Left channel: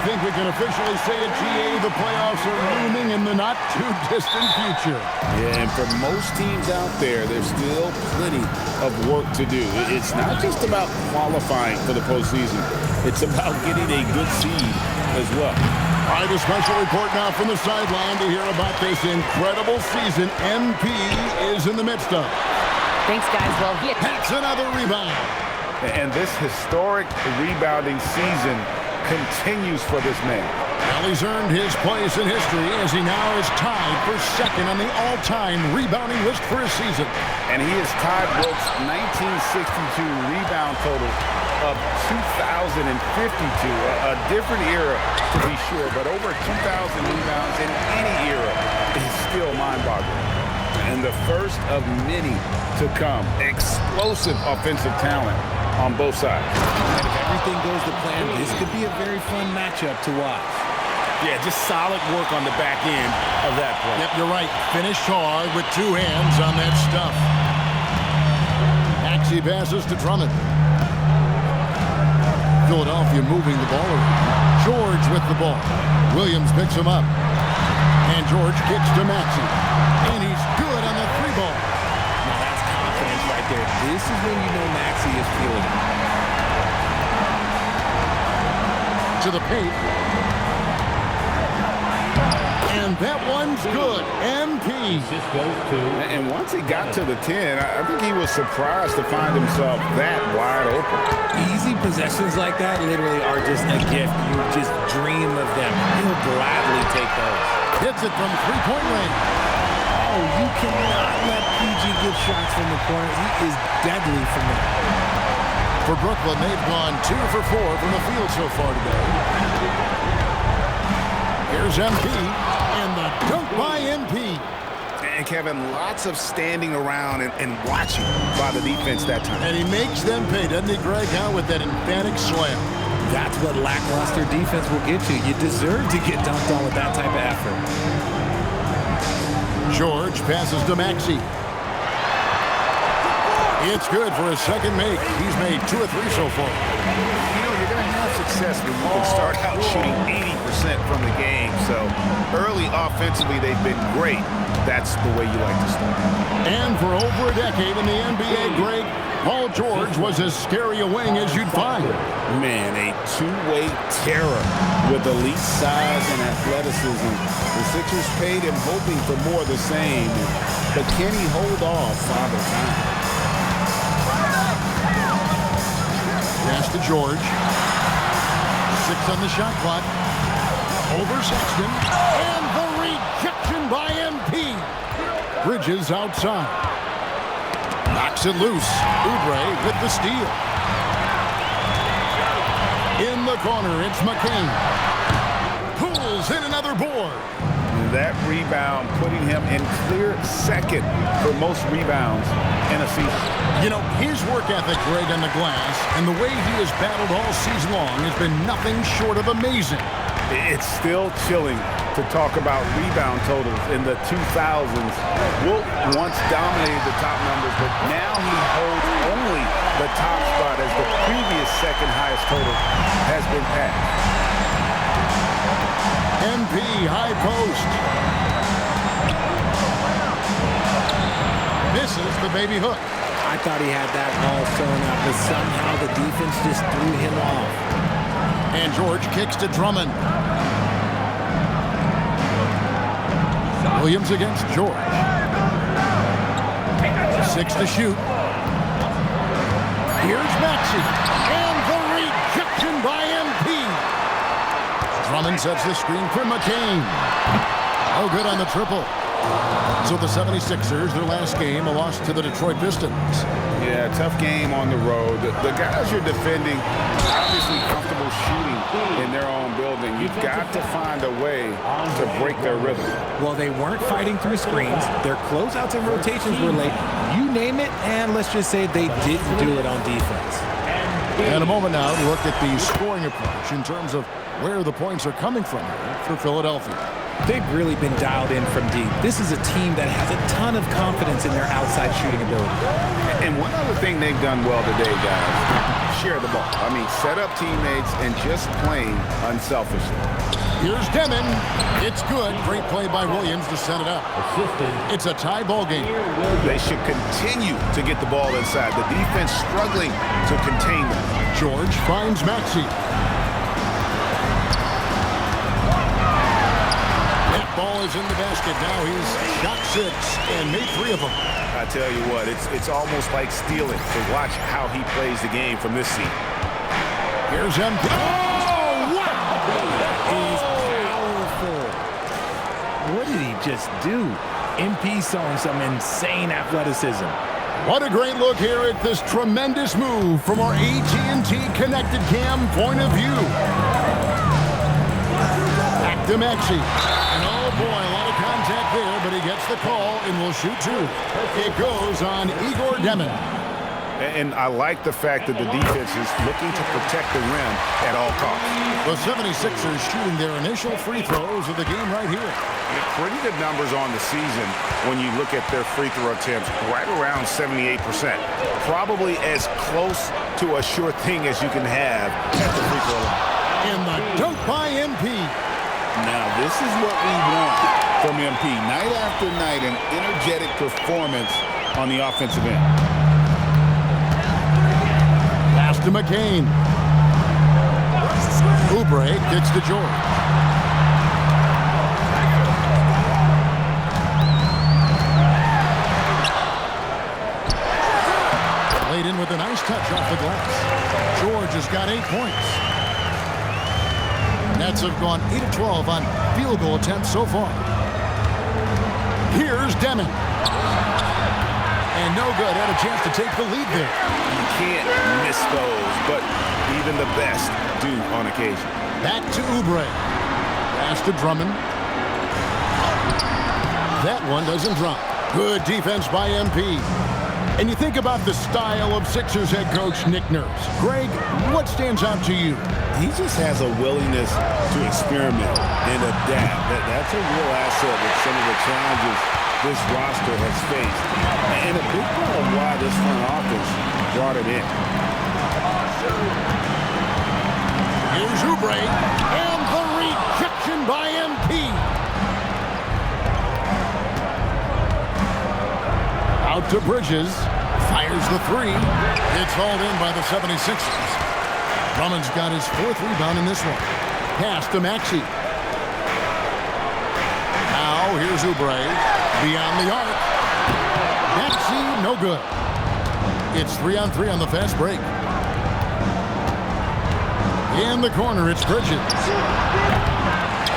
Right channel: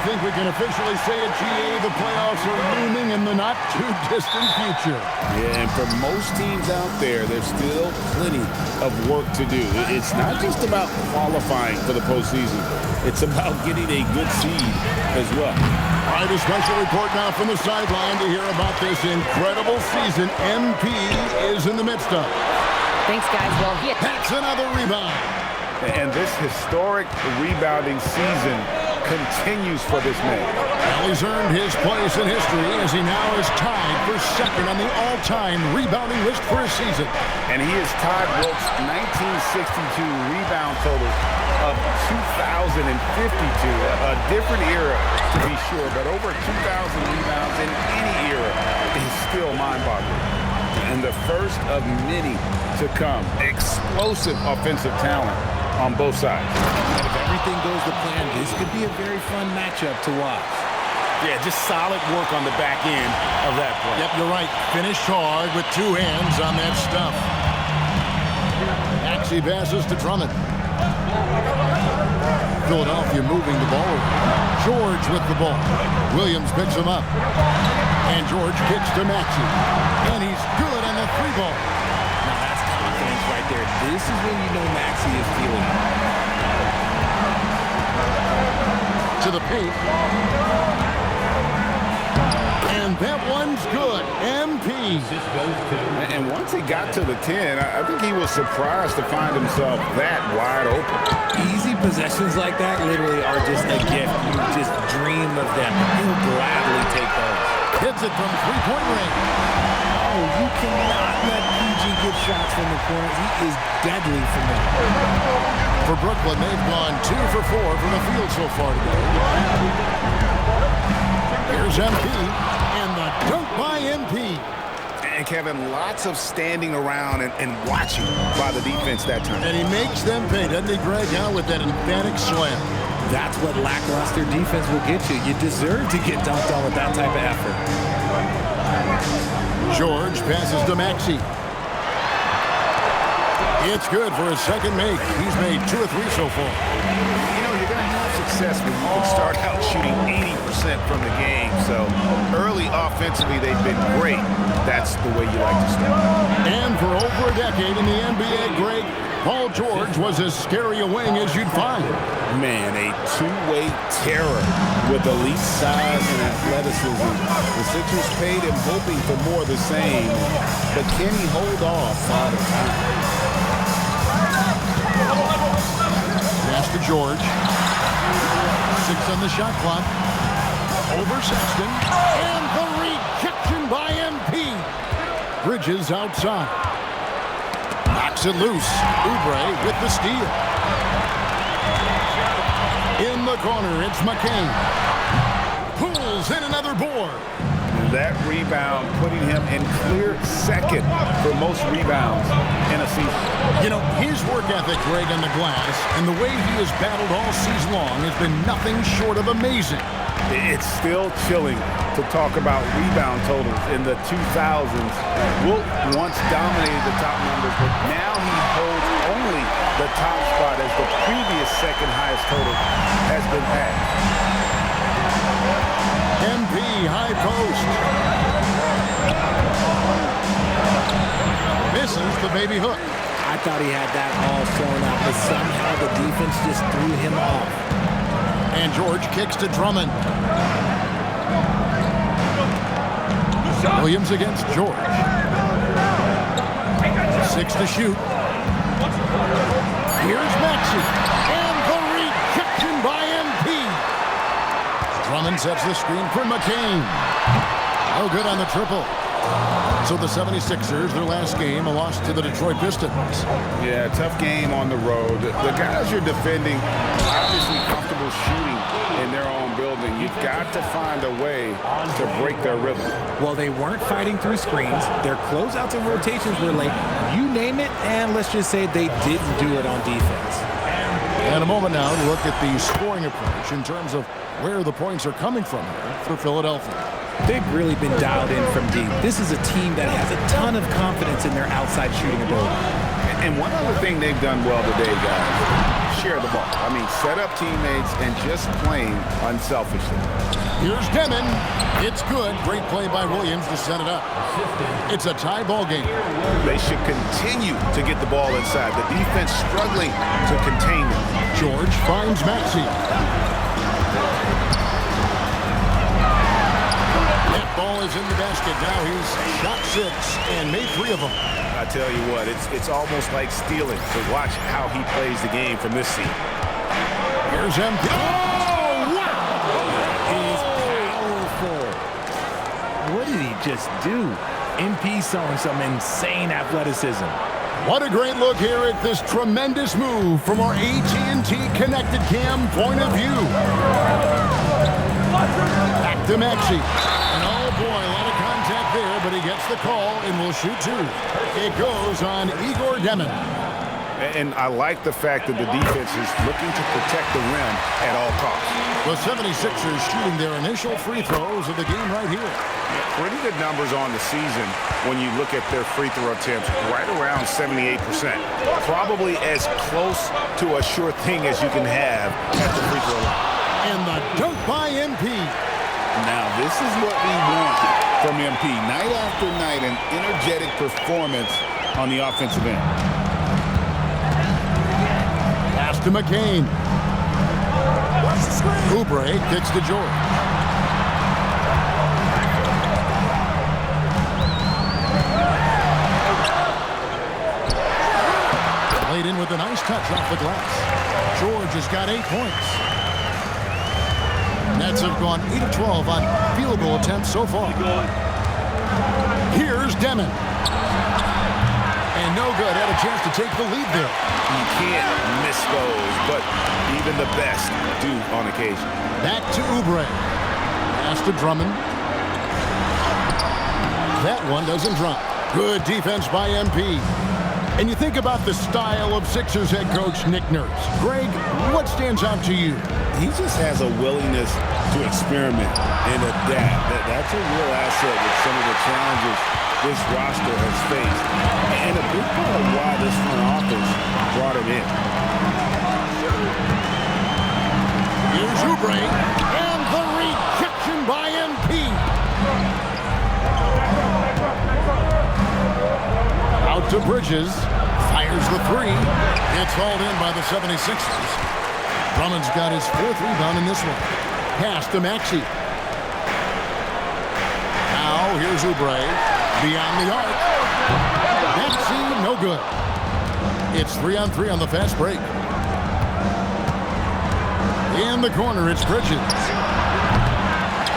think we can officially say at GA the playoffs are looming in the not-too-distant future. Yeah, and for most teams out there, there's still plenty of work to do. It's not just about qualifying for the postseason. It's about getting a good seed as well. All right, a special report now from the sideline to hear about this incredible season MP is in the midst of. Thanks, guys. Well, That's another rebound. And this historic rebounding season continues for this man. Well, he's earned his place in history as he now is tied for second on the all-time rebounding list for a season. And he has tied Wilt's 1962 rebound total of 2,052. A different era, to be sure, but over 2,000 rebounds in any era is still mind-boggling. And the first of many to come. Explosive offensive talent on both sides. And if everything goes to plan, this could be a very fun matchup to watch. Yeah, just solid work on the back end of that play. Yep, you're right. Finished hard with two hands on that stuff. Maxey passes to Drummond. Philadelphia moving the ball around. George with the ball. Williams picks him up. And George kicks to Maxey. And he's good on the three ball. Now that's confidence right there. This is when you know Maxey is feeling it. To the paint. And that one's good. MP. And once he got to the 10, I think he was surprised to find himself that wide open. Easy possessions like that literally are just a gift. You just dream of them. He'll gladly take those. Hits it from three-point range. Oh, you cannot let PG get shots from the corner. He is deadly from there. For Brooklyn, they've gone 2 for 4 from the field so far today. Here's MP, and the dunk by MP. And Kevin, lots of standing around and watching by the defense that time. And he makes them pay, doesn't he, Greg, out with that emphatic slam. That's what lackluster defense will get you. You deserve to get dunked on with that type of effort. George passes to Maxey. It's good for his second make. He's made 2 of 3 so far. You know, you're going to have success when you can start out shooting 80% from the game. So early offensively, they've been great. That's the way you like to start. And for over a decade in the NBA, Greg, Paul George was as scary a wing as you'd find. Man, a two-way terror with elite size and athleticism. The Sixers paid him hoping for more of the same, but can he hold off Father Time? Pass to George. 6 on the shot clock. Over Sexton. And the rejection by MP. Bridges outside. Knocks it loose. Oubre with the steal. In the corner, it's McCain. Pulls in another board. And that rebound putting him in clear second for most rebounds in a season. You know, his work ethic, Greg, on the glass, and the way he has battled all season long has been nothing short of amazing. It's still chilling to talk about rebound totals in the 2000s. Wilt once dominated the top numbers, but now he holds only the top spot as the previous second highest total has been passed. MP high post. Misses the baby hook. I thought he had that all sewn up, but somehow the defense just threw him off. And George kicks to Drummond. Williams against George. 6 to shoot. Here's Maxey. And the rejection by MP. Drummond sets the screen for McCain. No good on the triple. So the 76ers, their last game, a loss to the Detroit Pistons. Yeah, tough game on the road. The guys you're defending, obviously comfortable shooting in their own building. You've got to find a way to break their rhythm. Well, they weren't fighting through screens. Their closeouts and rotations were late. You name it, and let's just say they didn't do it on defense. And a moment now to look at the scoring approach in terms of where the points are coming from here for Philadelphia. They've really been dialed in from deep. This is a team that has a ton of confidence in their outside shooting ability. And one other thing they've done well today, guys, share the ball. I mean, set up teammates and just playing unselfishly. Here's Demon. It's good. Great play by Williams to set it up. It's a tie ball game. They should continue to get the ball inside. The defense struggling to contain them. George finds Maxey. That ball is in the basket. Now he's shot 6 and made 3 of them. I tell you what, it's almost like stealing to watch how he plays the game from this seat. Here's MP. Oh, wow! That is powerful. What did he just do? MP showing some insane athleticism. What a great look here at this tremendous move from our AT&T Connected Cam point of view. Back to Maxey. And oh boy, a lot of contact there, but he gets the call and will shoot 2. It goes on Igor Demon. And I like the fact that the defense is looking to protect the rim at all costs. The 76ers shooting their initial free throws of the game right here. Yeah, pretty good numbers on the season when you look at their free throw attempts, right around 78%. Probably as close to a sure thing as you can have at the free throw line. And the dunk by MP. Now, this is what we want from MP. Night after night, an energetic performance on the offensive end. Pass to McCain. Oubre kicks to George. Played in with a nice touch off the glass. George has got 8 points. Nets have gone 8 of 12 on field goal attempts so far. Here's Demon. And no good. Had a chance to take the lead there. You can't miss those, but even the best do on occasion. Back to Oubre. Pass to Drummond. That one doesn't drop. Good defense by MP. And you think about the style of Sixers head coach Nick Nurse. Greg, what stands out to you? He just has a willingness to experiment and adapt. That's a real asset with some of the challenges this roster has faced. And a big part of why this front office brought him in. Here's Oubre, and the rejection by MP. Out to Bridges, fires the 3. It's hauled in by the 76ers. Drummond's got his 4th rebound in this one. Pass to Maxey. Now here's Oubre, beyond the arc. Maxey, no good. It's 3-on-3 on the fast break. In the corner, it's Bridges.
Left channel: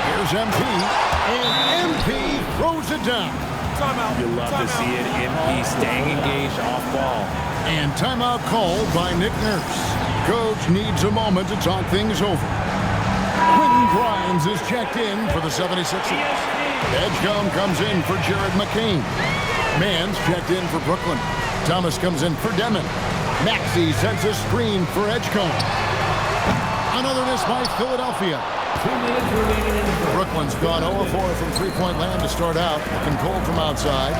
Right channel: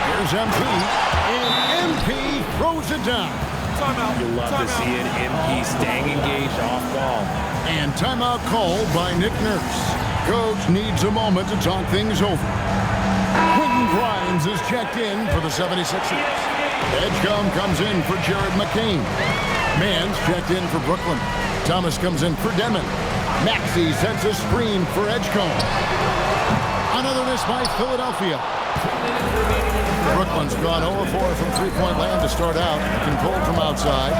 Here's MP, and MP throws it down. Timeout. You love to see it. MP staying engaged off ball. And timeout called by Nick Nurse. Coach needs a moment to talk things over. Quentin Grimes is checked in for the 76ers. Edgecombe comes in for Jared McCain. Mann's checked in for Brooklyn. Thomas comes in for Demon. Maxey sets a screen for Edgecombe. Another miss by Philadelphia. Brooklyn's gone 0-4 from three-point land to start out. Looking cold from outside.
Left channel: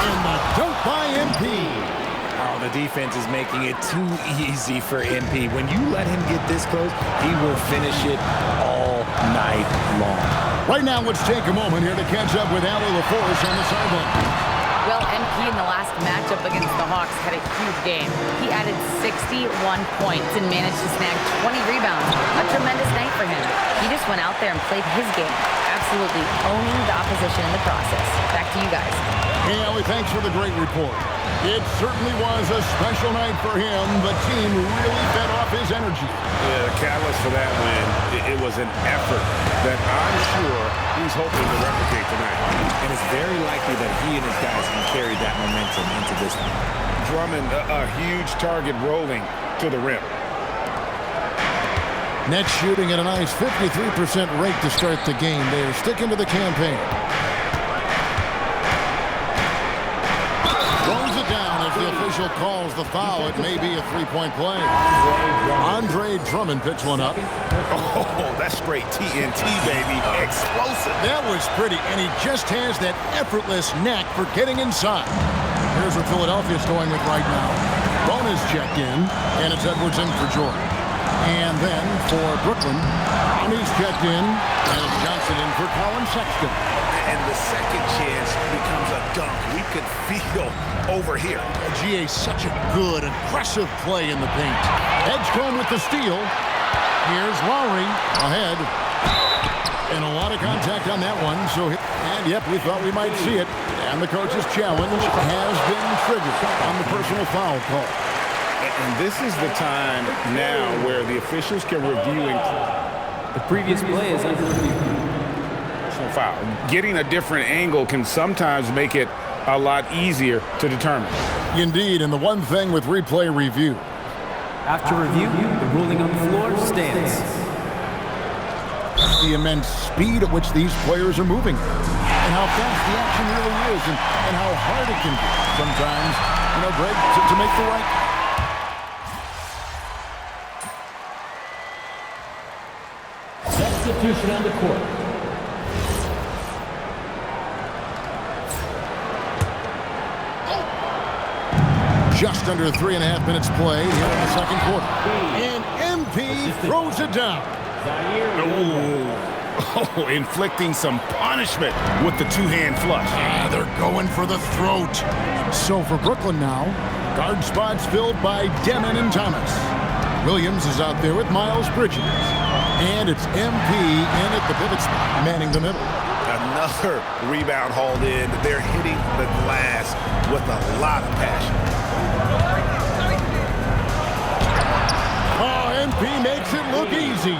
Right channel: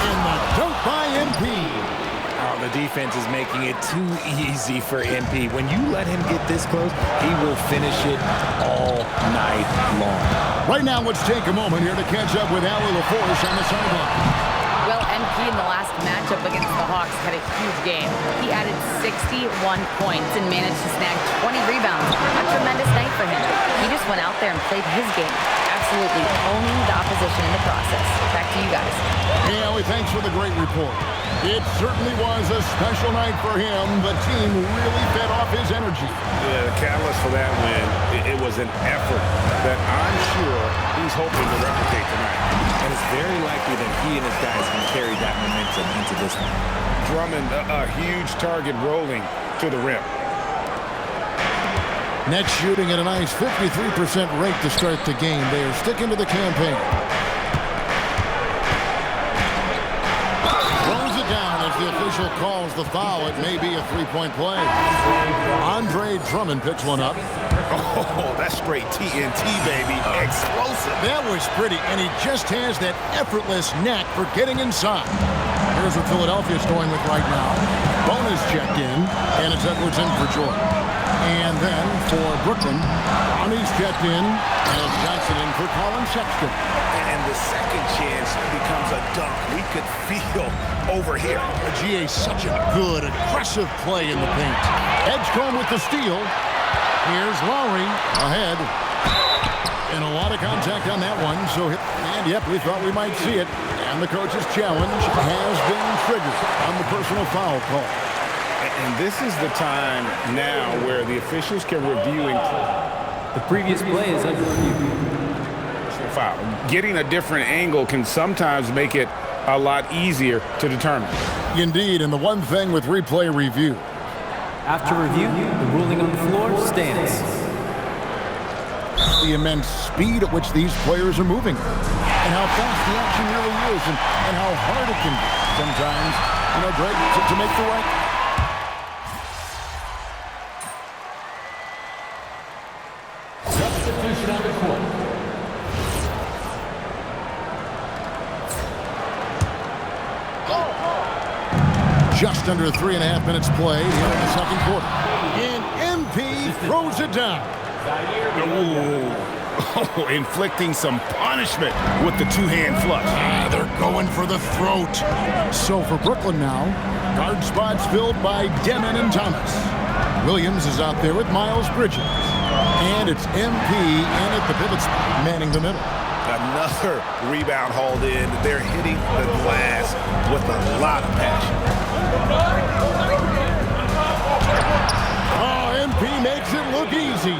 And the dunk by MP. Oh, the defense is making it too easy for MP. When you let him get this close, he will finish it all night long. Right now, let's take a moment here to catch up with Allie LaForce on the sideline. Well, MP in the last matchup against the Hawks had a huge game. He added 61 points and managed to snag 20 rebounds. A tremendous night for him. He just went out there and played his game, absolutely owning the opposition in the process. Back to you guys. Hey, Allie, thanks for the great report. It certainly was a special night for him. The team really fed off his energy. Yeah, the catalyst for that win, it was an effort that I'm sure he's hoping to replicate tonight. And it's very likely that he and his guys can carry that momentum into this one. Drummond, a huge target rolling to the rim. Nets shooting at a nice 53% rate to start the game. They are sticking to the campaign. Throws it down as the official calls the foul. It may be a three-point play. Andre Drummond picks one up. Oh, that's straight TNT, baby. Explosive. That was pretty, and he just has that effortless knack for getting inside. Here's what Philadelphia's going with right now. Bonus checked in, and it's Edwards in for George. And then for Brooklyn, Ronnie's checked in, and it's Johnson in for Colin Sexton. And the second chance becomes a dunk. We could feel over here. GA, such a good, aggressive play in the paint. Edgecombe with the steal. Here's Lowry ahead. And a lot of contact on that one. And yep, we thought we might see it. And the coach's challenge has been triggered on the personal foul call. And this is the time now where the officials can review the previous play is under review. Personal foul. Getting a different angle can sometimes make it a lot easier to determine. Indeed, and the one thing with replay review. After review, the ruling on the floor stands. The immense speed at which these players are moving and how fast the action really is and how hard it can be sometimes, Greg, to make the right. Substitution on the court. Just under 3.5 minutes played here in the second quarter. And MP throws it down. Oh, inflicting some punishment with the two-hand flush. They're going for the throat. So for Brooklyn now, guard spots filled by Demon and Thomas. Williams is out there with Miles Bridges. And it's MP in at the pivot spot, manning the middle. Another rebound hauled in. They're hitting the glass with a lot of passion. Oh, MP makes it look easy.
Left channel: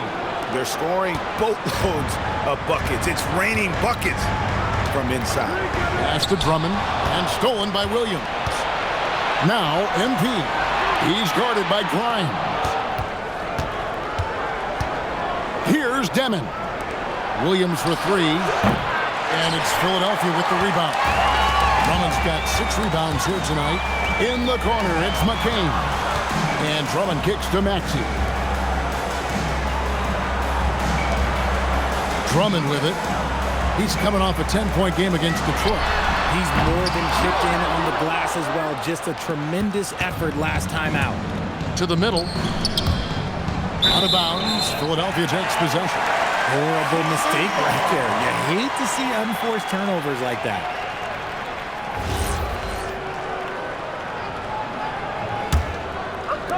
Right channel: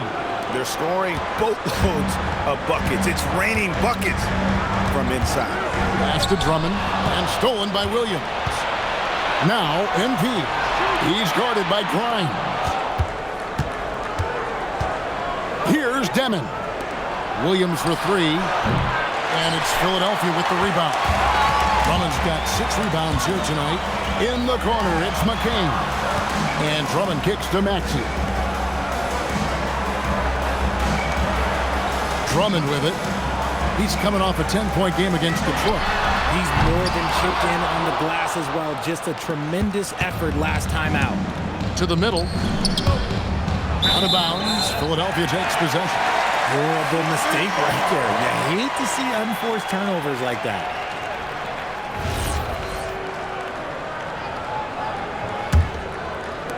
They're scoring boatloads of buckets. It's raining buckets from inside. Pass to Drummond and stolen by Williams. Now MP. He's guarded by Grimes. Here's Demon. Williams for three. And it's Philadelphia with the rebound. Drummond's got 6 rebounds here tonight. In the corner, it's McCain. And Drummond kicks to Maxey. Drummond with it. He's coming off a 10-point game against Detroit. He's more than chipped in on the glass as well. Just a tremendous effort last time out. To the middle. Out of bounds. Philadelphia takes possession. Horrible mistake right there. You hate to see unforced turnovers like that.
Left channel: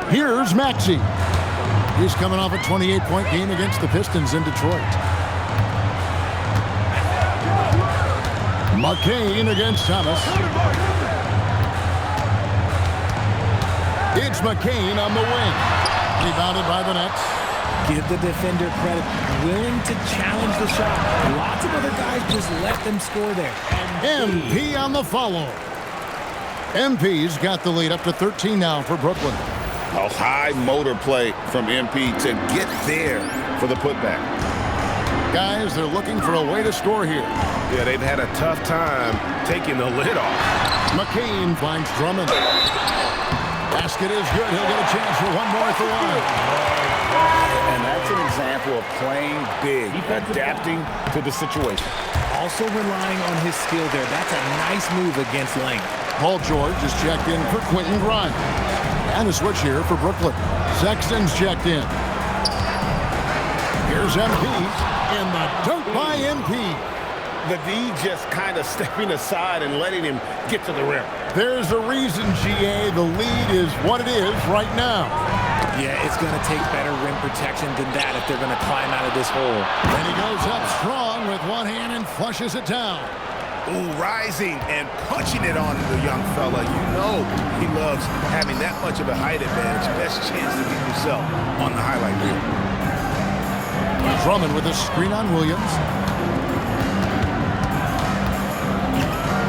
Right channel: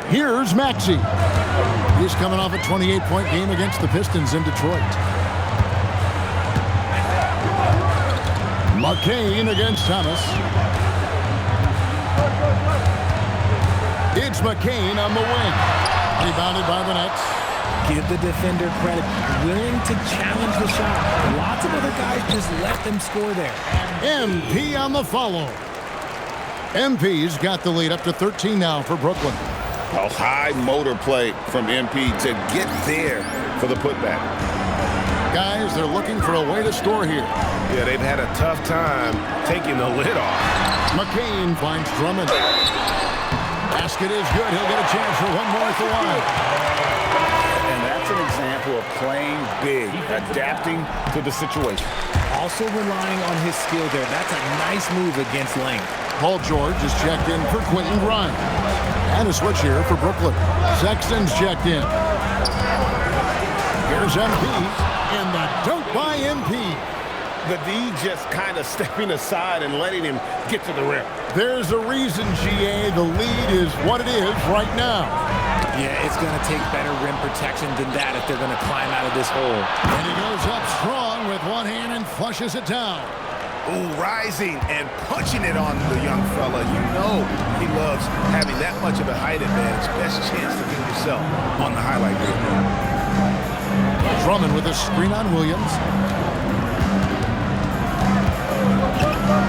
Here's Maxey. He's coming off a 28-point game against the Pistons in Detroit. McCain against Thomas. It's McCain on the wing. Rebounded by the Nets. Give the defender credit. Willing to challenge the shot. Lots of other guys just let them score there. MP on the follow. MP's got the lead up to 13 now for Brooklyn. A high motor play from MP to get there for the putback. Guys, they're looking for a way to score here. Yeah, they've had a tough time taking the lid off. McCain finds Drummond. Basket is good. He'll get a chance for one more at the line. And that's an example of playing big, adapting to the situation. Also relying on his skill there. That's a nice move against length. Paul George is checked in for Quentin Grimes. And a switch here for Brooklyn. Sexton's checked in. Here's MP, and the dunk by MP. The D just kind of stepping aside and letting him get to the rim. There's a reason, GA, the lead is what it is right now. Yeah, it's going to take better rim protection than that if they're going to climb out of this hole. And he goes up strong with one hand and flushes it down. Ooh, rising and punching it on the young fella. You know he loves having that much of a height advantage. Best chance to get yourself on the highlight reel. Drummond with a screen on Williams.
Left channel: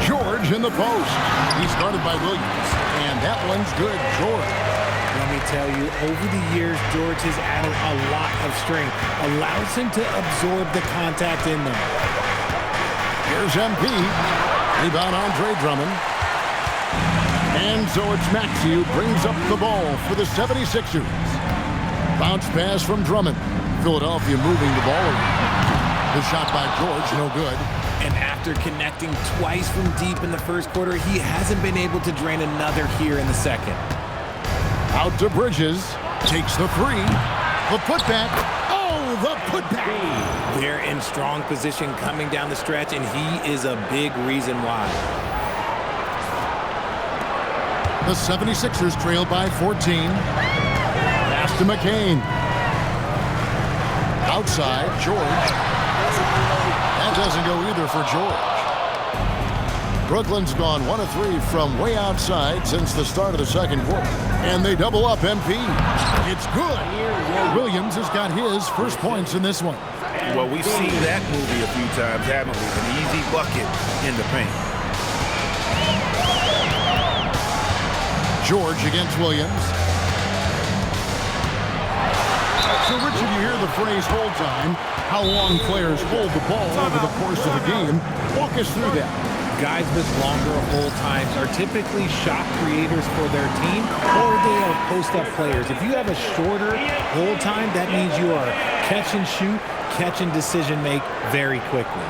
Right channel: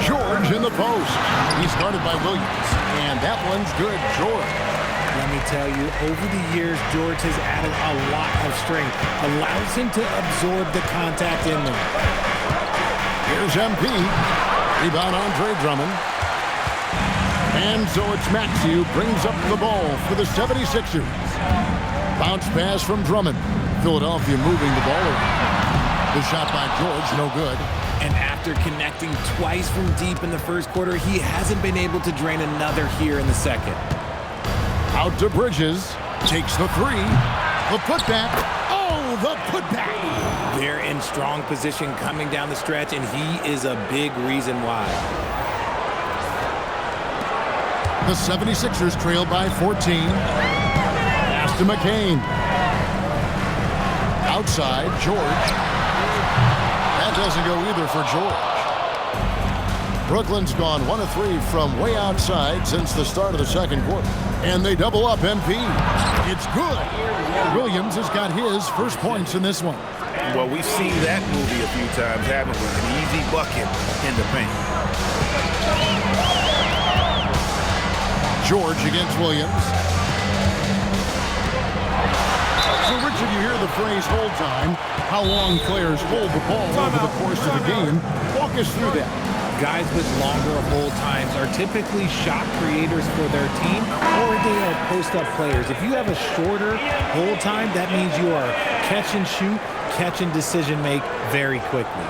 George in the post. He's guarded by Williams. And that one's good, George. Let me tell you, over the years, George has added a lot of strength. Allows him to absorb the contact in there. Here's MP. Rebound Andre Drummond. And so it's Maxey who brings up the ball for the 76ers. Bounce pass from Drummond. Philadelphia moving the ball around. The shot by George, no good. And after connecting twice from deep in the first quarter, he hasn't been able to drain another here in the second. Out to Bridges. Takes the three. The putback. Oh, the putback. They're in strong position coming down the stretch, and he is a big reason why. The 76ers trail by 14. Pass to McCain. Outside, George. That doesn't go either for George. Brooklyn's gone 1 of 3 from way outside since the start of the second quarter. And they double up MP. It's good. Williams has got his first points in this one. Well, we've seen that movie a few times, haven't we? An easy bucket in the paint. George against Williams. So, Richard, you hear the phrase hold time, how long players hold the ball over the course of the game. Walk us through that. Guys with longer hold times are typically shot creators for their team, or they are post-up players. If you have a shorter hold time, that means you are catch and shoot, catch and decision make very quickly.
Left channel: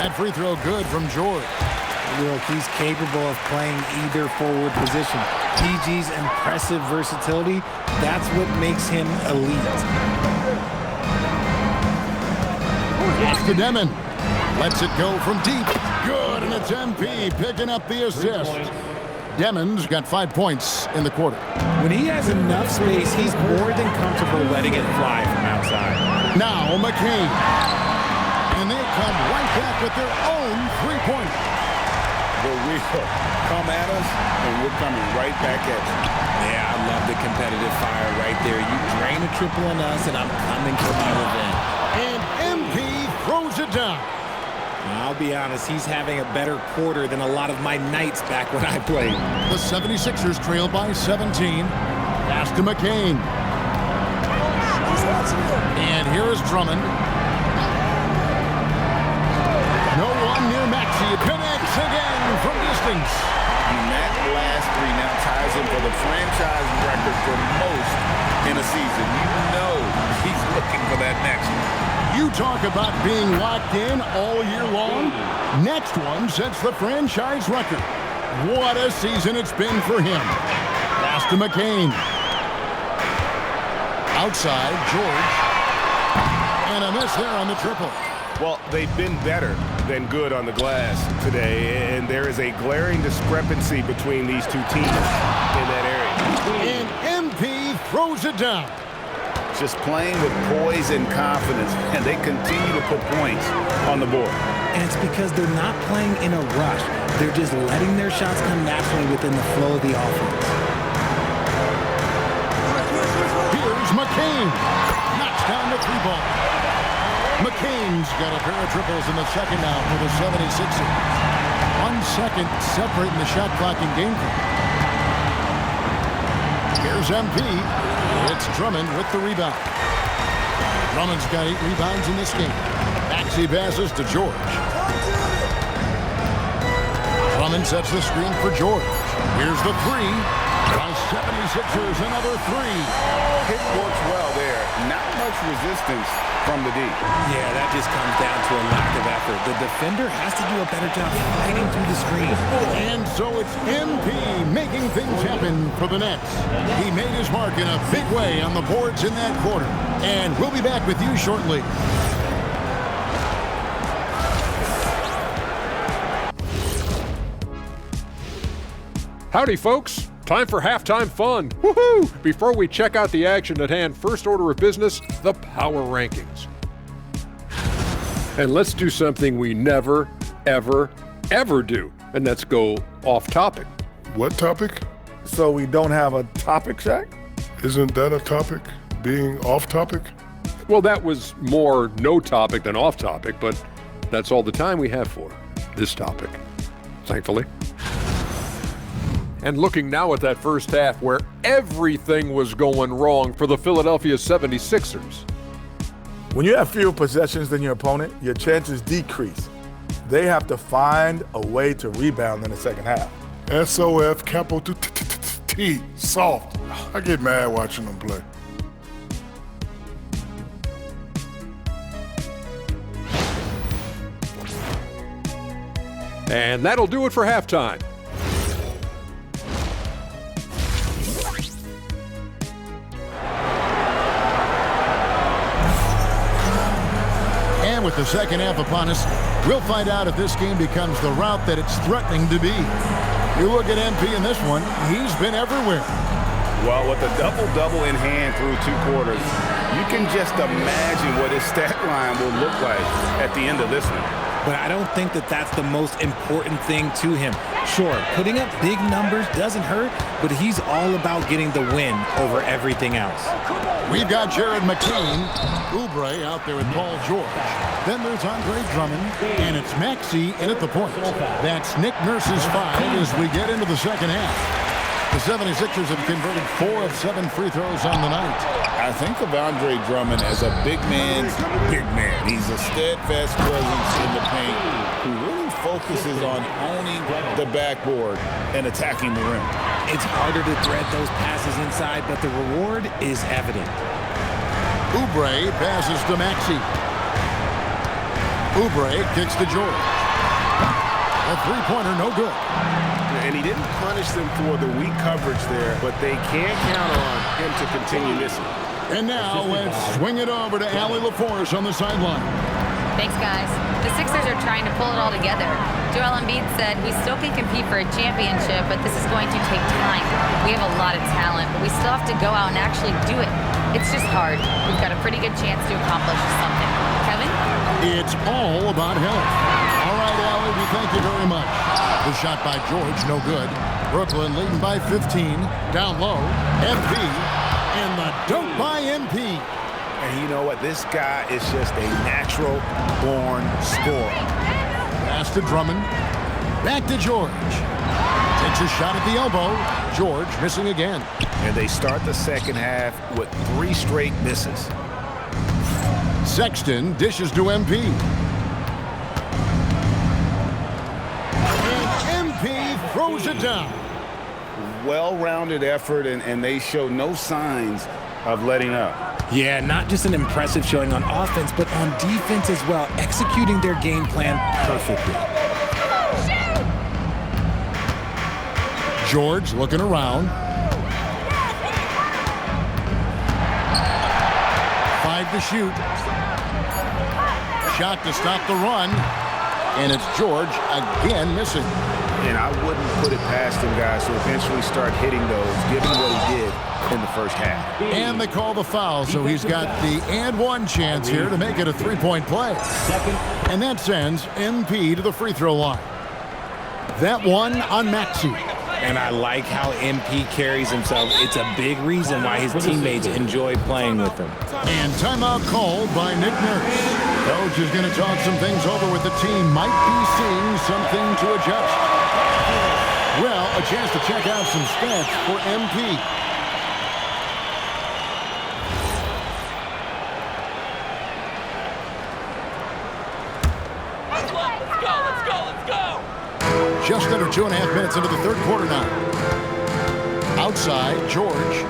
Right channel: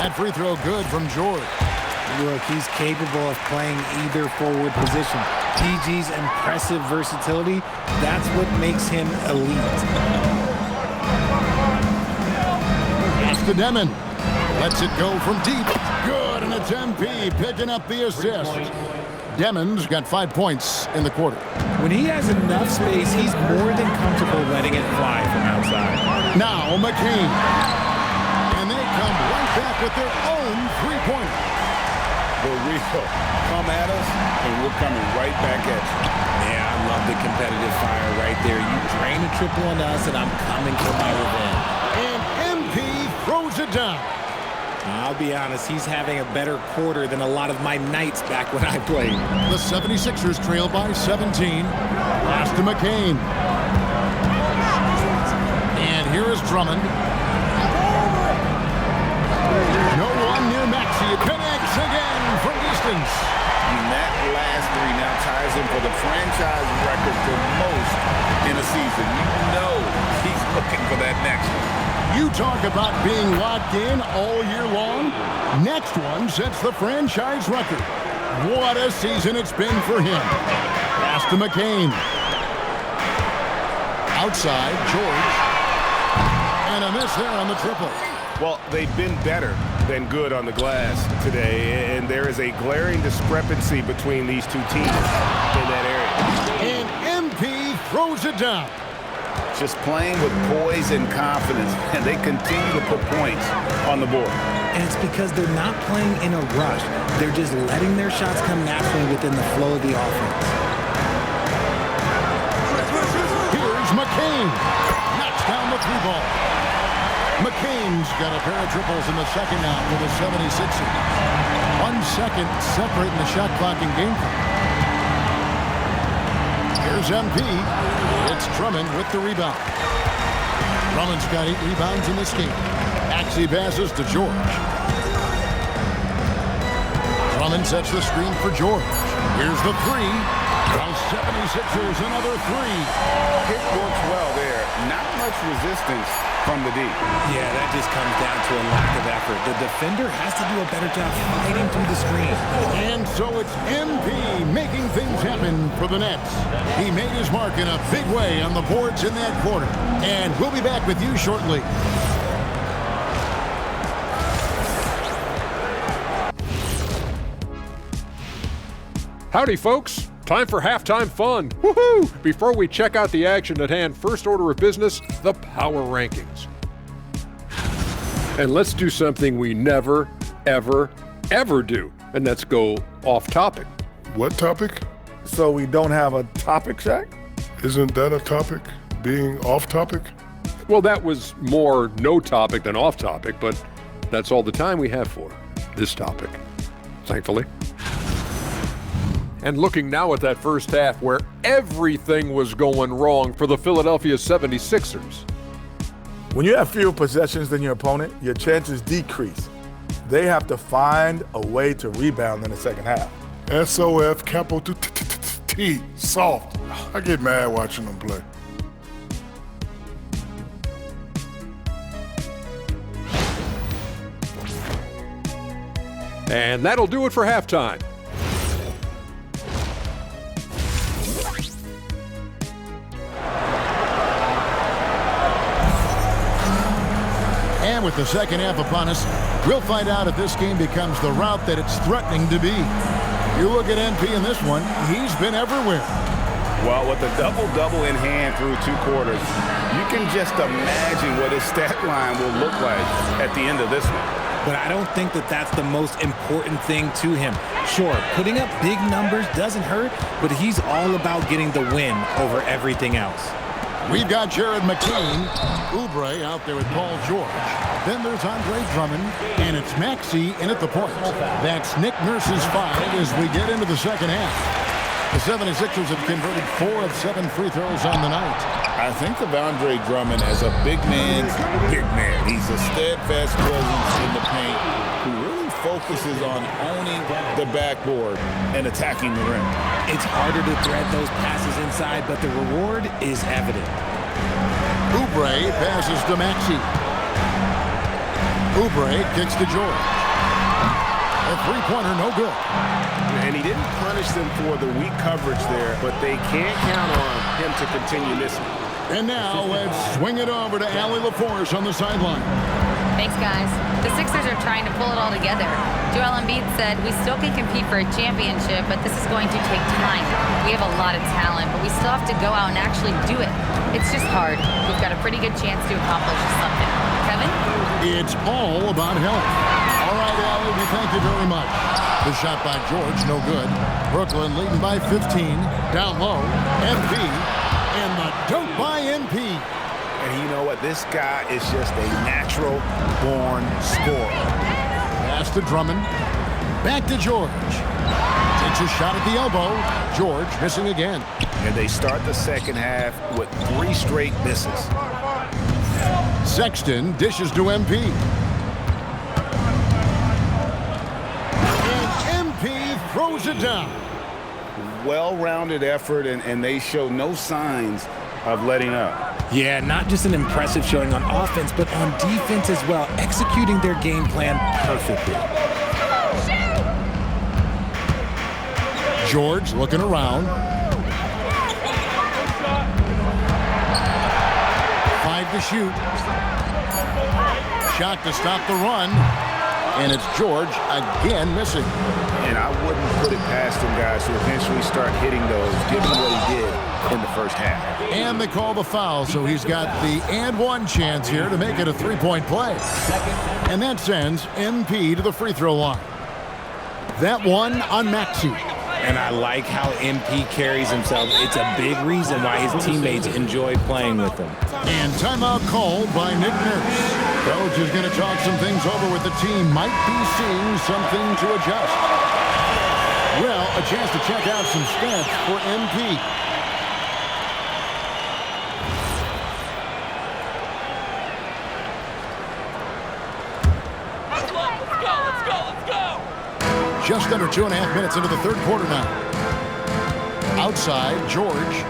That free throw good from George. Look, he's capable of playing either forward position. PG's impressive versatility, that's what makes him elite. Pass to Demon. Lets it go from deep. Good, and it's MP picking up the assist. Demon's got 5 points in the quarter. When he has enough space, he's more than comfortable letting it fly from outside. Now McCain. And they come right back with their own three-pointer. The real. Come at us, and we're coming right back at you. Yeah, I love the competitive fire right there. You drain a triple on us, and I'm coming for my revenge. And MP throws it down. I'll be honest, he's having a better quarter than a lot of my nights back when I played. The 76ers trail by 17. Pass to McCain. And here is Drummond. No one near Maxey. Connects again from distance. And that last three now ties him for the franchise record for most in a season. You know he's looking for that next one. You talk about being locked in all year long. Next one sets the franchise record. What a season it's been for him. Pass to McCain. Outside, George. And a miss there on the triple. Well, they've been better than good on the glass today, and there is a glaring discrepancy between these two teams in that area. And MP throws it down. Just playing with poise and confidence, and they continue to put points on the board. And it's because they're not playing in a rush. They're just letting their shots come naturally within the flow of the offense. Here's McCain. Knocks down the three ball. McCain's got a pair of triples in the second now for the 76ers. 1 second separating the shot clock and game clock. Here's MP. It's Drummond with the rebound. Drummond's got 8 rebounds in this game. Maxey passes to George. Drummond sets the screen for George. Here's the three. The 76ers another three. Pick works well there. Not much resistance from the D. Yeah, that just comes down to a lack of effort. The defender has to do a better job fighting through the screen. And so it's MP making things happen for the Nets. He made his mark in a big way on the boards in that quarter. And we'll be back with you shortly. Howdy, folks. Time for halftime fun. Woohoo! Before we check out the action at hand, first order of business, the power rankings. And let's do something we never, ever, ever do, and that's go off topic. What topic? So we don't have a topic, Shaq? Isn't that a topic? Being off topic? Well, that was more no topic than off topic, but that's all the time we have for this topic, thankfully. And looking now at that first half where everything was going wrong for the Philadelphia 76ers. When you have fewer possessions than your opponent, your chances decrease. They have to find a way to rebound in the second half. SOF capital T MP, soft. I get mad watching them play. And that'll do it for halftime. And with the second half upon us, we'll find out if this game becomes the route that it's threatening to be. You look at MP in this one, he's been everywhere. Well, with a double-double in hand through 2 quarters, you can just imagine what his stat line will look like at the end of this one. But I don't think that that's the most important thing to him. Sure, putting up big numbers doesn't hurt, but he's all about getting the win over everything else. We've got Jared McCain, Oubre out there with Paul George. Then there's Andre Drummond, and it's Maxey in at the point. That's Nick Nurse's 5 as we get into the second half. The 76ers have converted 4 of 7 free throws on the night. I think of Andre Drummond as a big man's big man. He's a steadfast presence in the paint who really focuses on owning the backboard and attacking the rim. It's harder to thread those passes inside, but the reward is evident. Oubre passes to Maxey. Oubre kicks to George. A three-pointer, no good. And he didn't punish them for the weak coverage there, but they can't count on him to continue missing. And now let's swing it over to Allie LaForce on the sideline. Thanks, guys. The Sixers are trying to pull it all together. Joel Embiid said, "We still can compete for a championship, but this is going to take time. We have a lot of talent, but we still have to go out and actually do it. It's just hard. We've got a pretty good chance to accomplish something." Kevin? It's all about health. All right, Allie, we thank you very much. The shot by George, no good. Brooklyn leading by 15. Down low, MP, and the dunk by MP. And you know what? This guy is just a natural-born scorer. Pass to Drummond. Back to George. Takes a shot at the elbow. George missing again. And they start the second half with 3 straight misses. Sexton dishes to MP. And MP throws it down. Well-rounded effort, and they show no signs of letting up. Yeah, not just an impressive showing on offense, but on defense as well, executing their game plan perfectly. George looking around. 5 to shoot. Shot to stop the run. And it's George again missing. And I wouldn't put it past him, guys, to eventually start hitting those, given what he did in the first half. And they call the foul, so he's got the and one chance here to make it a 3-point play. And that sends MP to the free throw line. That one on Maxey. And I like how MP carries himself. It's a big reason why his teammates enjoy playing with him. And timeout called by Nick Nurse. Coach is going to talk some things over with the team. Might be seeing something to adjust. Well, a chance to check out some stats for MP. Just under 2.5 minutes into the third quarter now. Outside, George.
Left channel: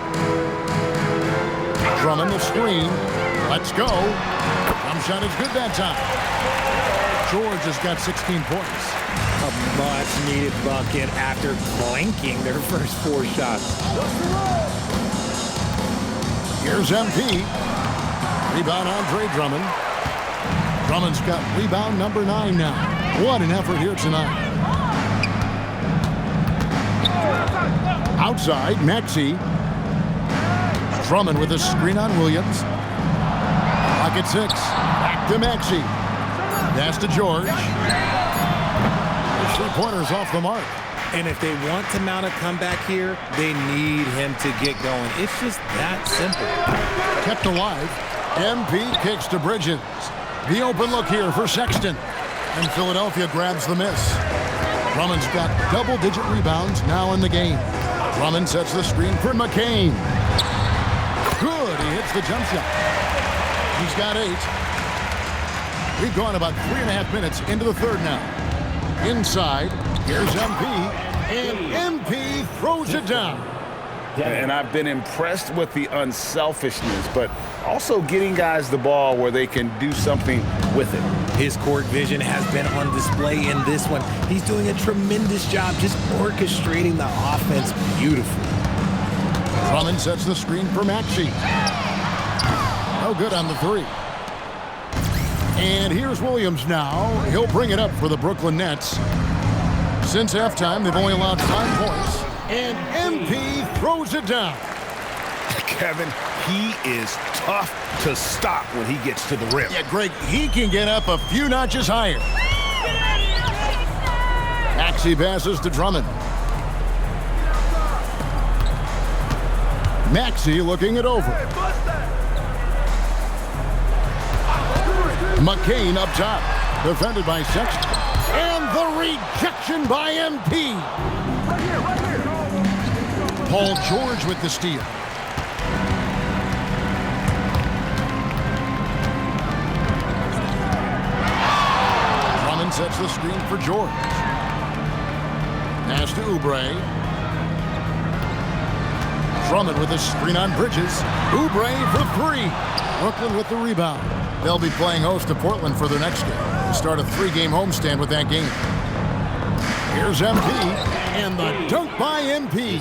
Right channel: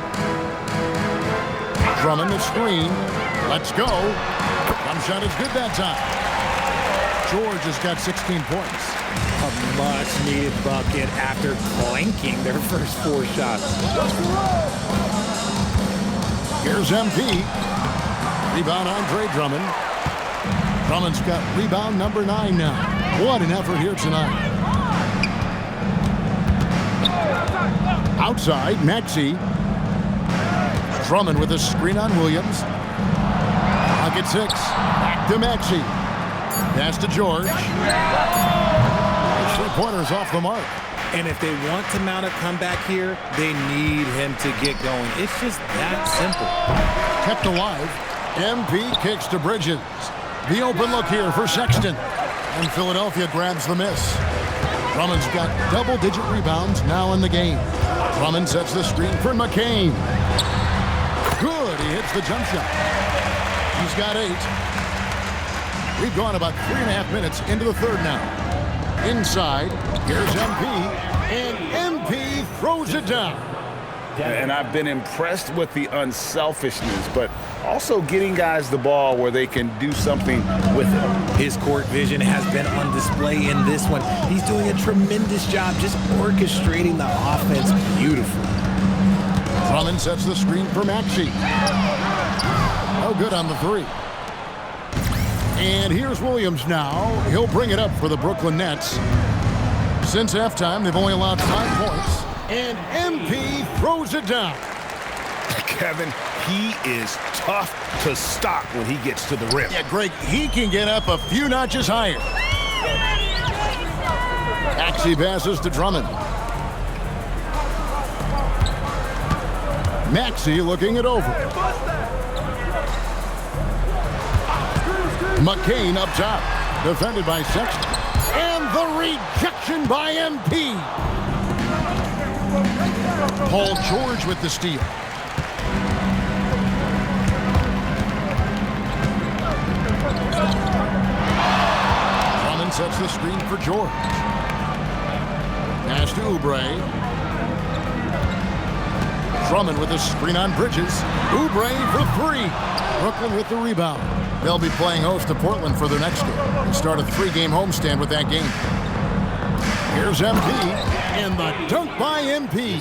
Drummond, a screen. Let's go. Jump shot is good that time. George has got 16 points. A much-needed bucket after clanking their first 4 shots. Here's MP. Rebound Andre Drummond. Drummond's got rebound number 9 now. What an effort here tonight. Outside, Maxey. Drummond with a screen on Williams. Clock at 6. Back to Maxey. Pass to George. His three-pointer's off the mark. And if they want to mount a comeback here, they need him to get going. It's just that simple. Kept alive. MP kicks to Bridges. The open look here for Sexton. And Philadelphia grabs the miss. Drummond's got double-digit rebounds now in the game. Drummond sets the screen for McCain. Good, he hits the jump shot. He's got 8. We've gone about 3.5 minutes into the third now. Inside, here's MP, and MP throws it down. And I've been impressed with the unselfishness, but also getting guys the ball where they can do something with it. His court vision has been on display in this one. He's doing a tremendous job just orchestrating the offense beautifully. Drummond sets the screen for Maxey. No good on the three. And here's Williams now. He'll bring it up for the Brooklyn Nets. Since halftime, they've only allowed 5 points. And MP throws it down. Kevin, he is tough to stop when he gets to the rim. Yeah, Greg, he can get up a few notches higher. Maxey passes to Drummond. Maxey looking it over. McCain up top, defended by Sexton. And the rejection by MP. Paul George with the steal. Drummond sets the screen for George. Pass to Oubre. Drummond with a screen on Bridges. Oubre for three. Brooklyn with the rebound. They'll be playing host to Portland for their next game. They start a 3-game homestand with that game. Here's MP, and the dunk by MP.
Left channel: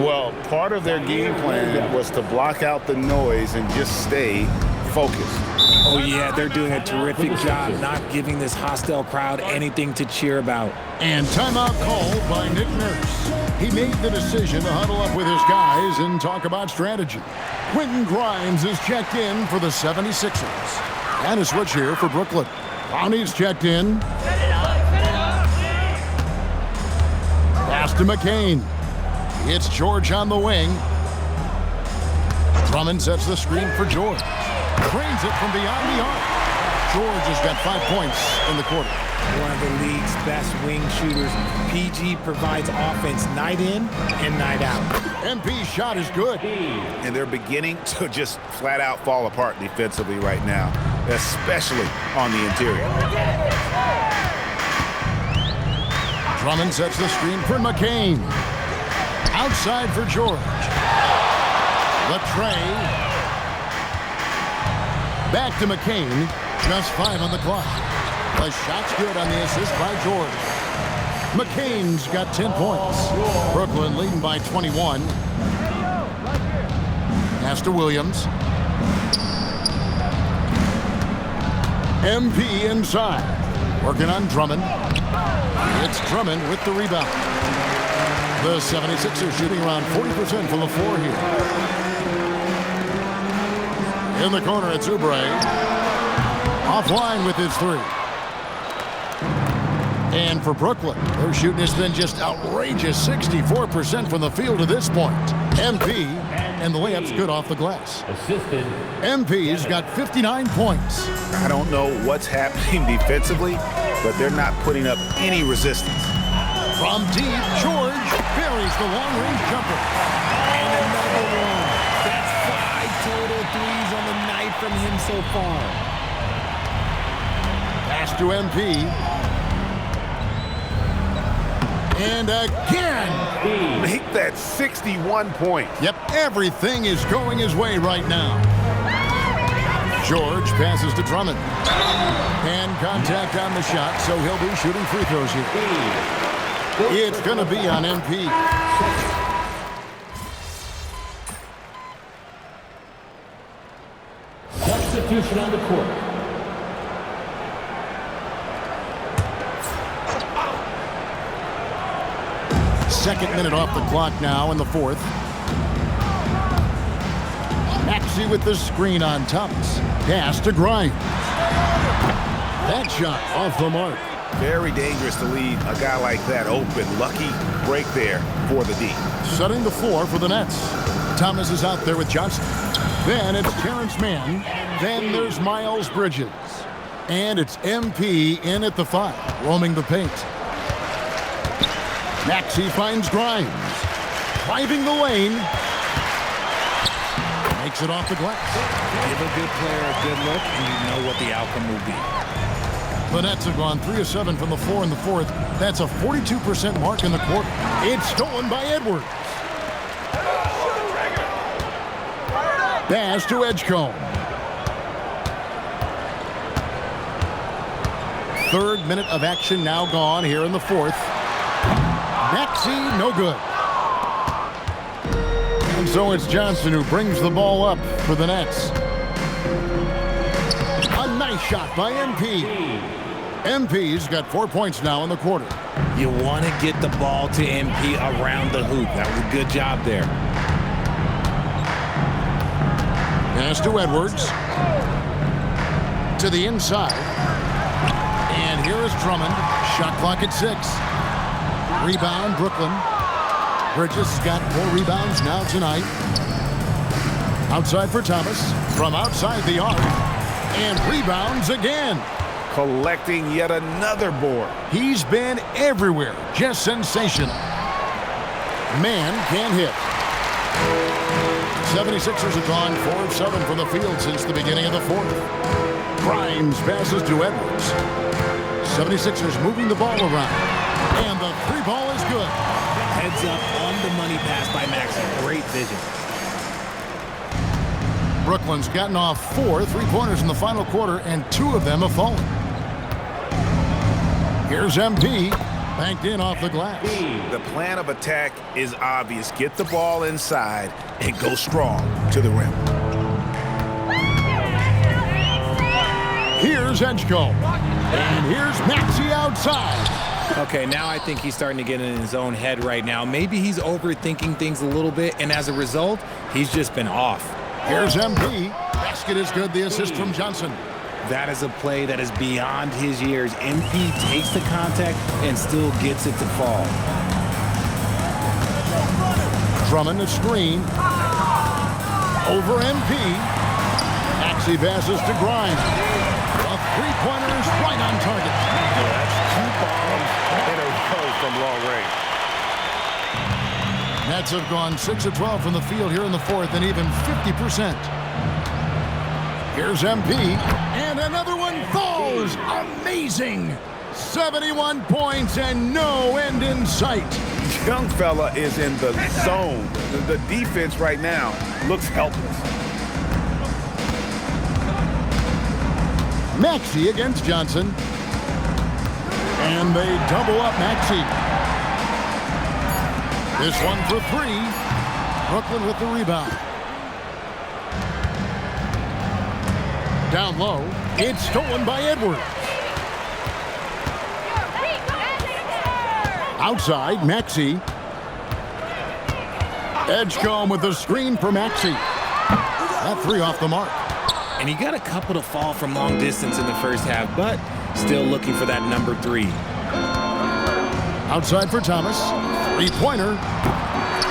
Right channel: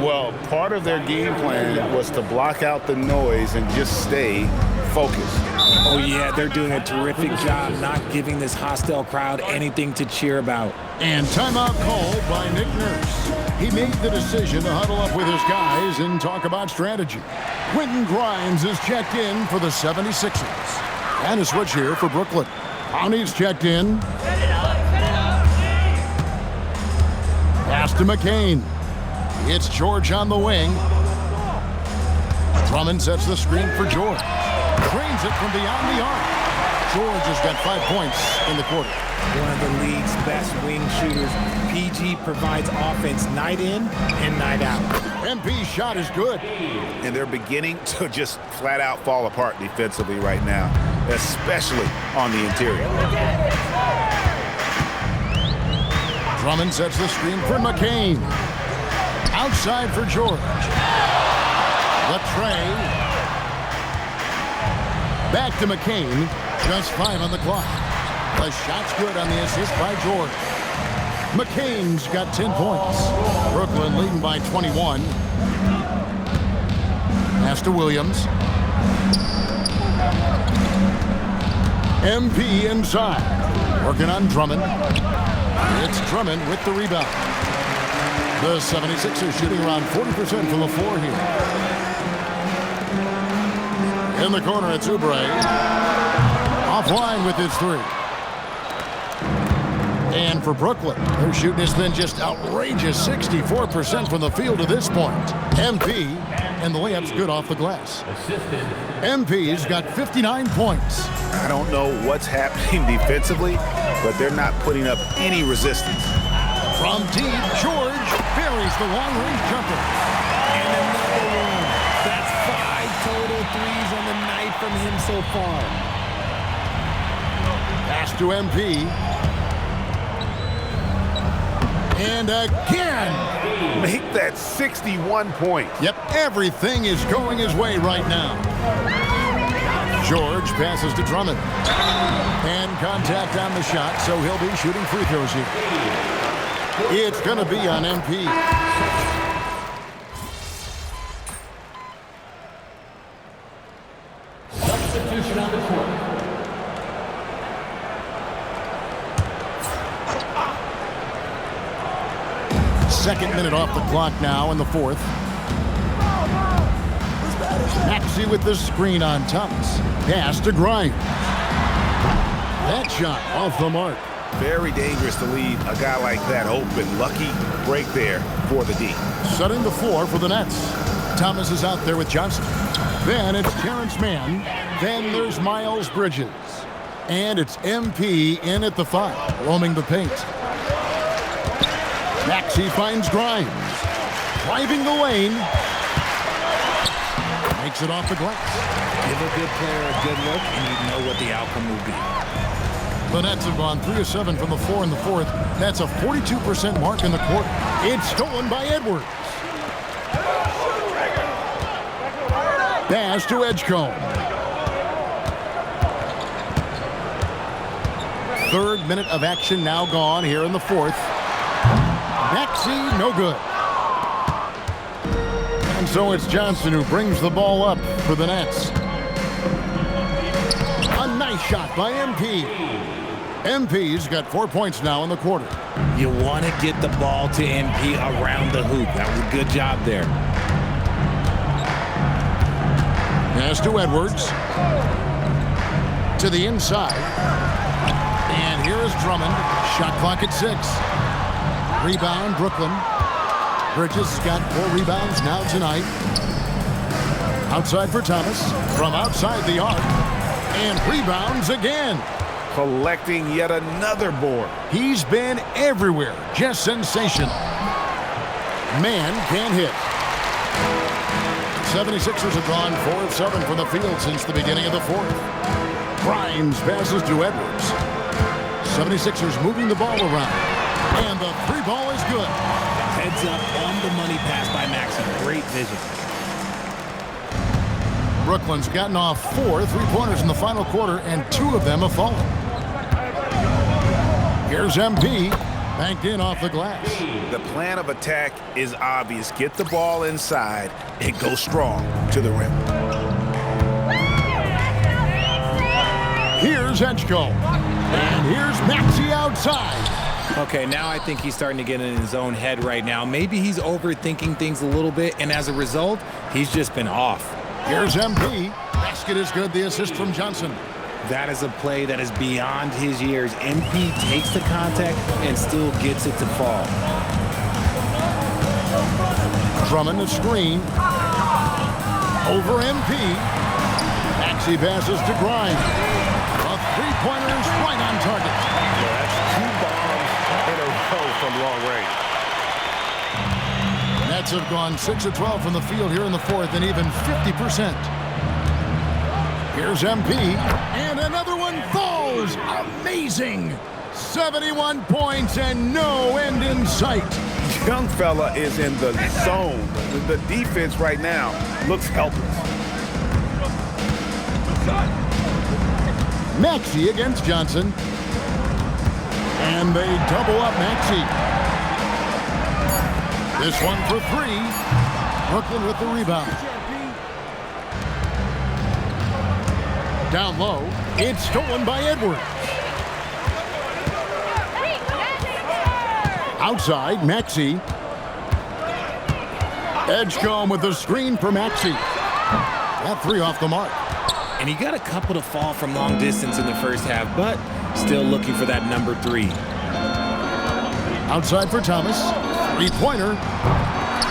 Well, part of their game plan was to block out the noise and just stay focused. Oh, yeah, they're doing a terrific job not giving this hostile crowd anything to cheer about. And timeout called by Nick Nurse. He made the decision to huddle up with his guys and talk about strategy. Quentin Grimes is checked in for the 76ers. And a switch here for Brooklyn. Clowney's checked in. Pass to McCain. It's George on the wing. Drummond sets the screen for George. Trains it from beyond the arc. George has got 5 points in the quarter. One of the league's best wing shooters. PG provides offense night in and night out. MP's shot is good. And they're beginning to just flat out fall apart defensively right now, especially on the interior. Drummond sets the screen for McCain. Outside for George. The tray. Back to McCain. Just 5 on the clock. The shot's good on the assist by George. McCain's got 10 points. Brooklyn leading by 21. Pass to Williams. MP inside. Working on Drummond. It's Drummond with the rebound. The 76ers shooting around 40% from the floor here. In the corner, it's Oubre. Offline with his three. And for Brooklyn, their shooting has been just outrageous, 64% from the field to this point. MP, and the layup's good off the glass. MP's got 59 points. I don't know what's happening defensively, but they're not putting up any resistance. From deep, George buries the long-range jumper. And another one. That's 5 total threes on the night from him so far. Pass to MP. And again. Make that 61 points. Yep, everything is going his way right now. George passes to Drummond. And contact on the shot, so he'll be shooting free throws here. It's going to be on MP. Substitution on the court. Second minute off the clock now in the fourth. Maxey with the screen on Thomas. Pass to Grimes. That shot off the mark. Very dangerous to leave a guy like that open. Lucky break there for the D. Setting the floor for the Nets. Thomas is out there with Johnson. Then it's Terrence Mann. Then there's Miles Bridges. And it's MP in at the 5, roaming the paint. Maxey finds Grimes. Driving the lane. Makes it off the glass. Give a good player a good look, and you know what the outcome will be. The Nets have gone 3 of 7 from the floor in the fourth. That's a 42% mark in the quarter. It's stolen by Edwards. Pass to Edgecombe. Third minute of action now gone here in the fourth. Maxey, no good. And so it's Johnson who brings the ball up for the Nets. A nice shot by MP. MP's got 4 points now in the quarter. You want to get the ball to MP around the hoop. That was a good job there. Pass to Edwards. To the inside. And here is Drummond. Shot clock at 6. Rebound, Brooklyn. Bridges has got 4 rebounds now tonight. Outside for Thomas. From outside the arc. And rebounds again. Collecting yet another board. He's been everywhere. Just sensational. Man can't hit. The 76ers have gone 4 of 7 from the field since the beginning of the fourth. Grimes passes to Edwards. 76ers moving the ball around. And the 3 ball is good. Heads up on the money pass by Maxey. Great vision. Brooklyn's gotten off 4 3-pointers in the final quarter, and 2 of them have fallen. Here's MP, banked in off the glass. The plan of attack is obvious. Get the ball inside and go strong to the rim. Here's Edgecombe. And here's Maxey outside. Okay, now I think he's starting to get in his own head right now. Maybe he's overthinking things a little bit, and as a result, he's just been off. Here's MP. Basket is good. The assist from Johnson. That is a play that is beyond his years. MP takes the contact and still gets it to fall. Drummond a screen. Over MP. Maxey passes to Grimes. A 3-pointer is right on target. Yeah, that's 2 bombs in a row from long range. Nets have gone 6 of 12 from the field here in the fourth, and even 50%. Here's MP, and another one falls. Amazing. 71 points and no end in sight. Young fella is in the zone. The defense right now looks helpless. Maxey against Johnson. And they double up Maxey. This one for 3. Brooklyn with the rebound. Down low. It's stolen by Edwards. Outside, Maxey. Edgecombe with the screen for Maxey. That 3 off the mark. And he got a couple to fall from long distance in the first half, but still looking for that number 3. Outside for Thomas. 3-pointer.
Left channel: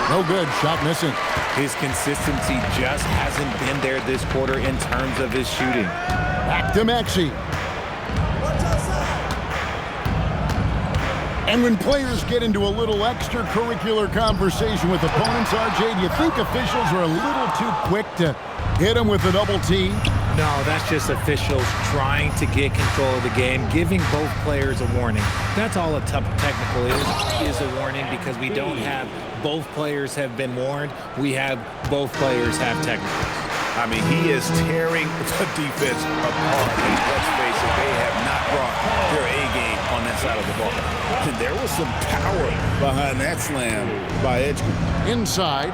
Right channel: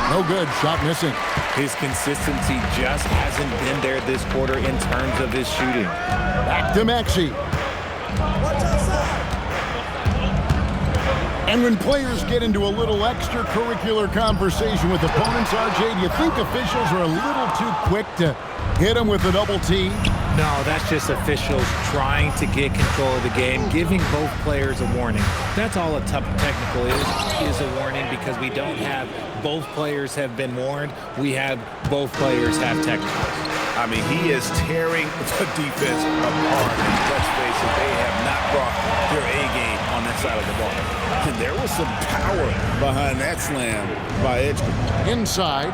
No good. Shot missing. His consistency just hasn't been there this quarter in terms of his shooting. Back to Maxey. And when players get into a little extracurricular conversation with opponents, RJ, do you think officials are a little too quick to hit them with a double T? No, that's just officials trying to get control of the game, giving both players a warning. That's all a tough technical is a warning, because we don't have both players have been warned. We have both players have technicals. I mean, he is tearing the defense apart, and let's face it, they have not brought their A game on that side of the ball. And there was some power behind that slam by Edgecombe. Inside.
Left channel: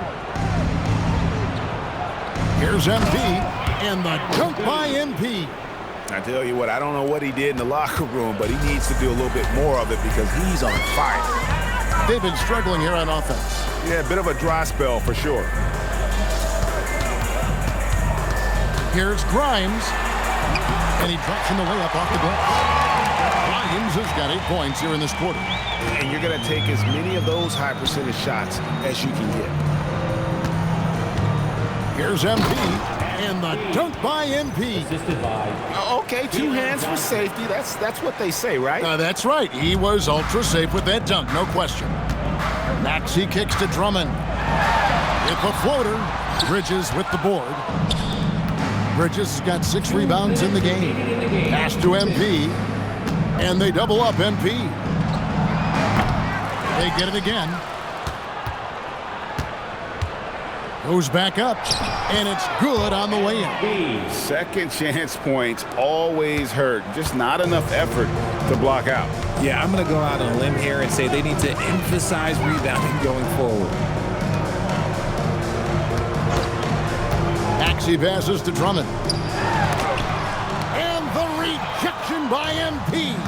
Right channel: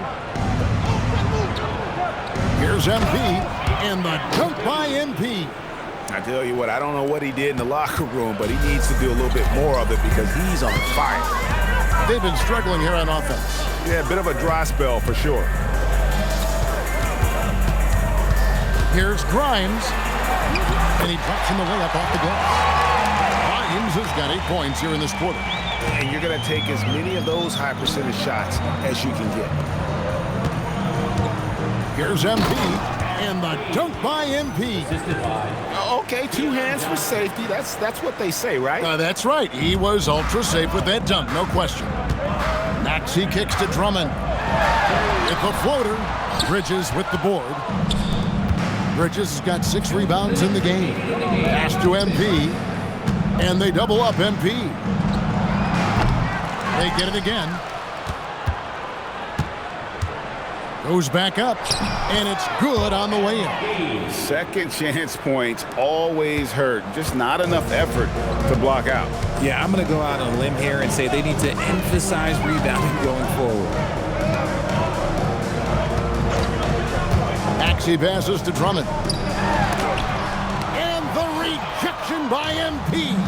Here's MP, and the dunk by MP. I tell you what, I don't know what he did in the locker room, but he needs to do a little bit more of it because he's on fire. They've been struggling here on offense. Yeah, a bit of a dry spell for sure. Here's Grimes, and he drops in the layup off the glass. Grimes has got 8 points here in this quarter. And you're going to take as many of those high percentage shots as you can get. Here's MP, and the dunk by MP. Okay, 2 hands for safety. That's what they say, right? That's right. He was ultra safe with that dunk, no question. Maxey kicks to Drummond. With the floater, Bridges with the board. Bridges has got 6 rebounds in the game. Pass to MP, and they double up MP. They get it again. Goes back up, and it's good on the way in. Second chance points always hurt. Just not enough effort to block out. Yeah, I'm going to go out on a limb here and say they need to emphasize rebounding going forward. Maxey passes to Drummond. And the rejection by MP.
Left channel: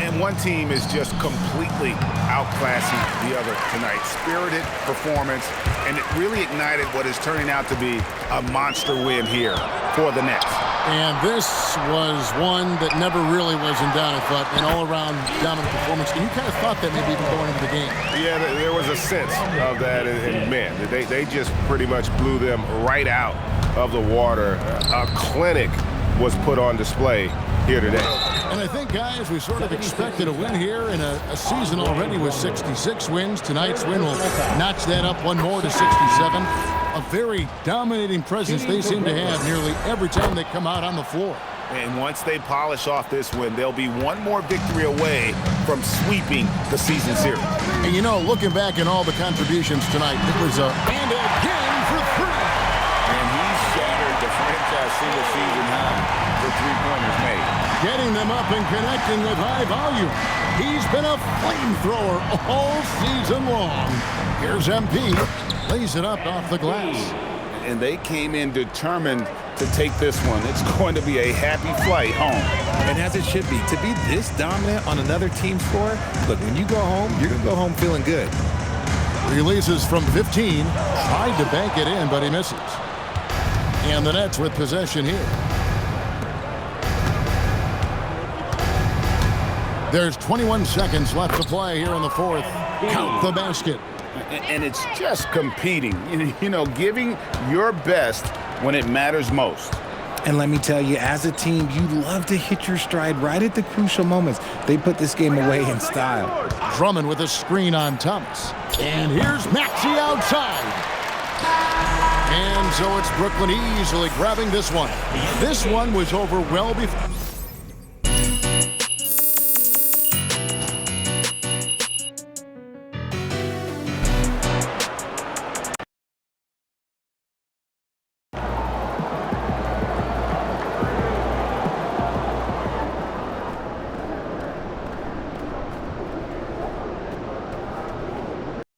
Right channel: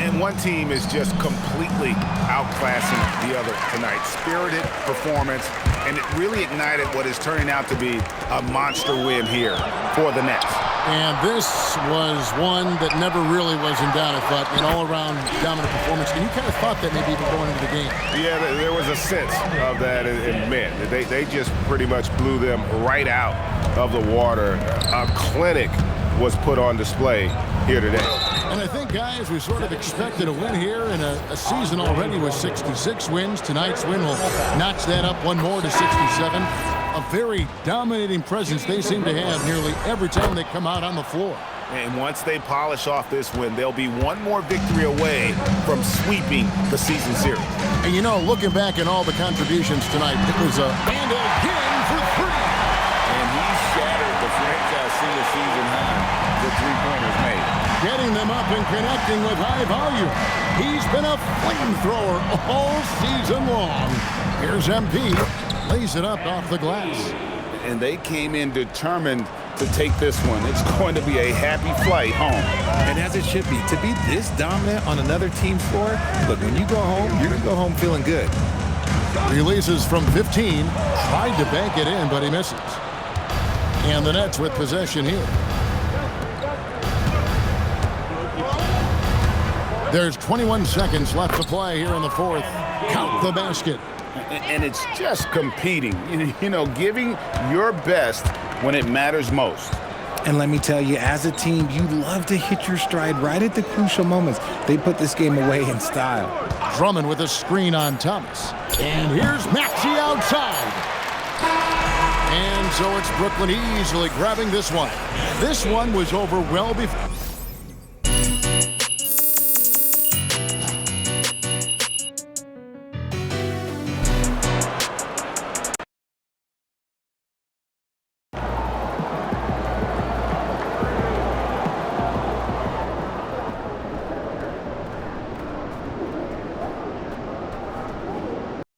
And one team is just completely outclassing the other tonight. Spirited performance, and it really ignited what is turning out to be a monster win here for the Nets. And this was one that never really was in doubt, I thought, an all-around dominant performance. And you kind of thought that maybe even going into the game. Yeah, there was a sense of that, and man, they just pretty much blew them right out of the water. A clinic was put on display here today. And I think, guys, we sort of expected a win here in a season already with 66 wins. Tonight's win will notch that up one more to 67. A very dominating presence they seem to have nearly every time they come out on the floor. And once they polish off this win, they'll be one more victory away from sweeping the season series. And, you know, looking back at all the contributions tonight, it was a and again for three. And he's shattered the franchise single-season high for three-pointers made. Getting them up and connecting with high volume. He's been a flamethrower all season long. Here's MP. Lays it up off the glass. And they came in determined to take this one. It's going to be a happy flight home. And as it should be. To be this dominant on another team's floor, look, when you go home, you're going to go home feeling good. Releases from 15. Tried to bank it in, but he misses. And the Nets with possession here. There's 21 seconds left to play here in the fourth. Count the basket. And it's just competing, you know, giving your best when it matters most. And let me tell you, as a team, you love to hit your stride right at the crucial moments. They put this game away in style. Drummond with a screen on Thomas. And here's Maxey outside. And so it's Brooklyn easily grabbing this one. This one was over well before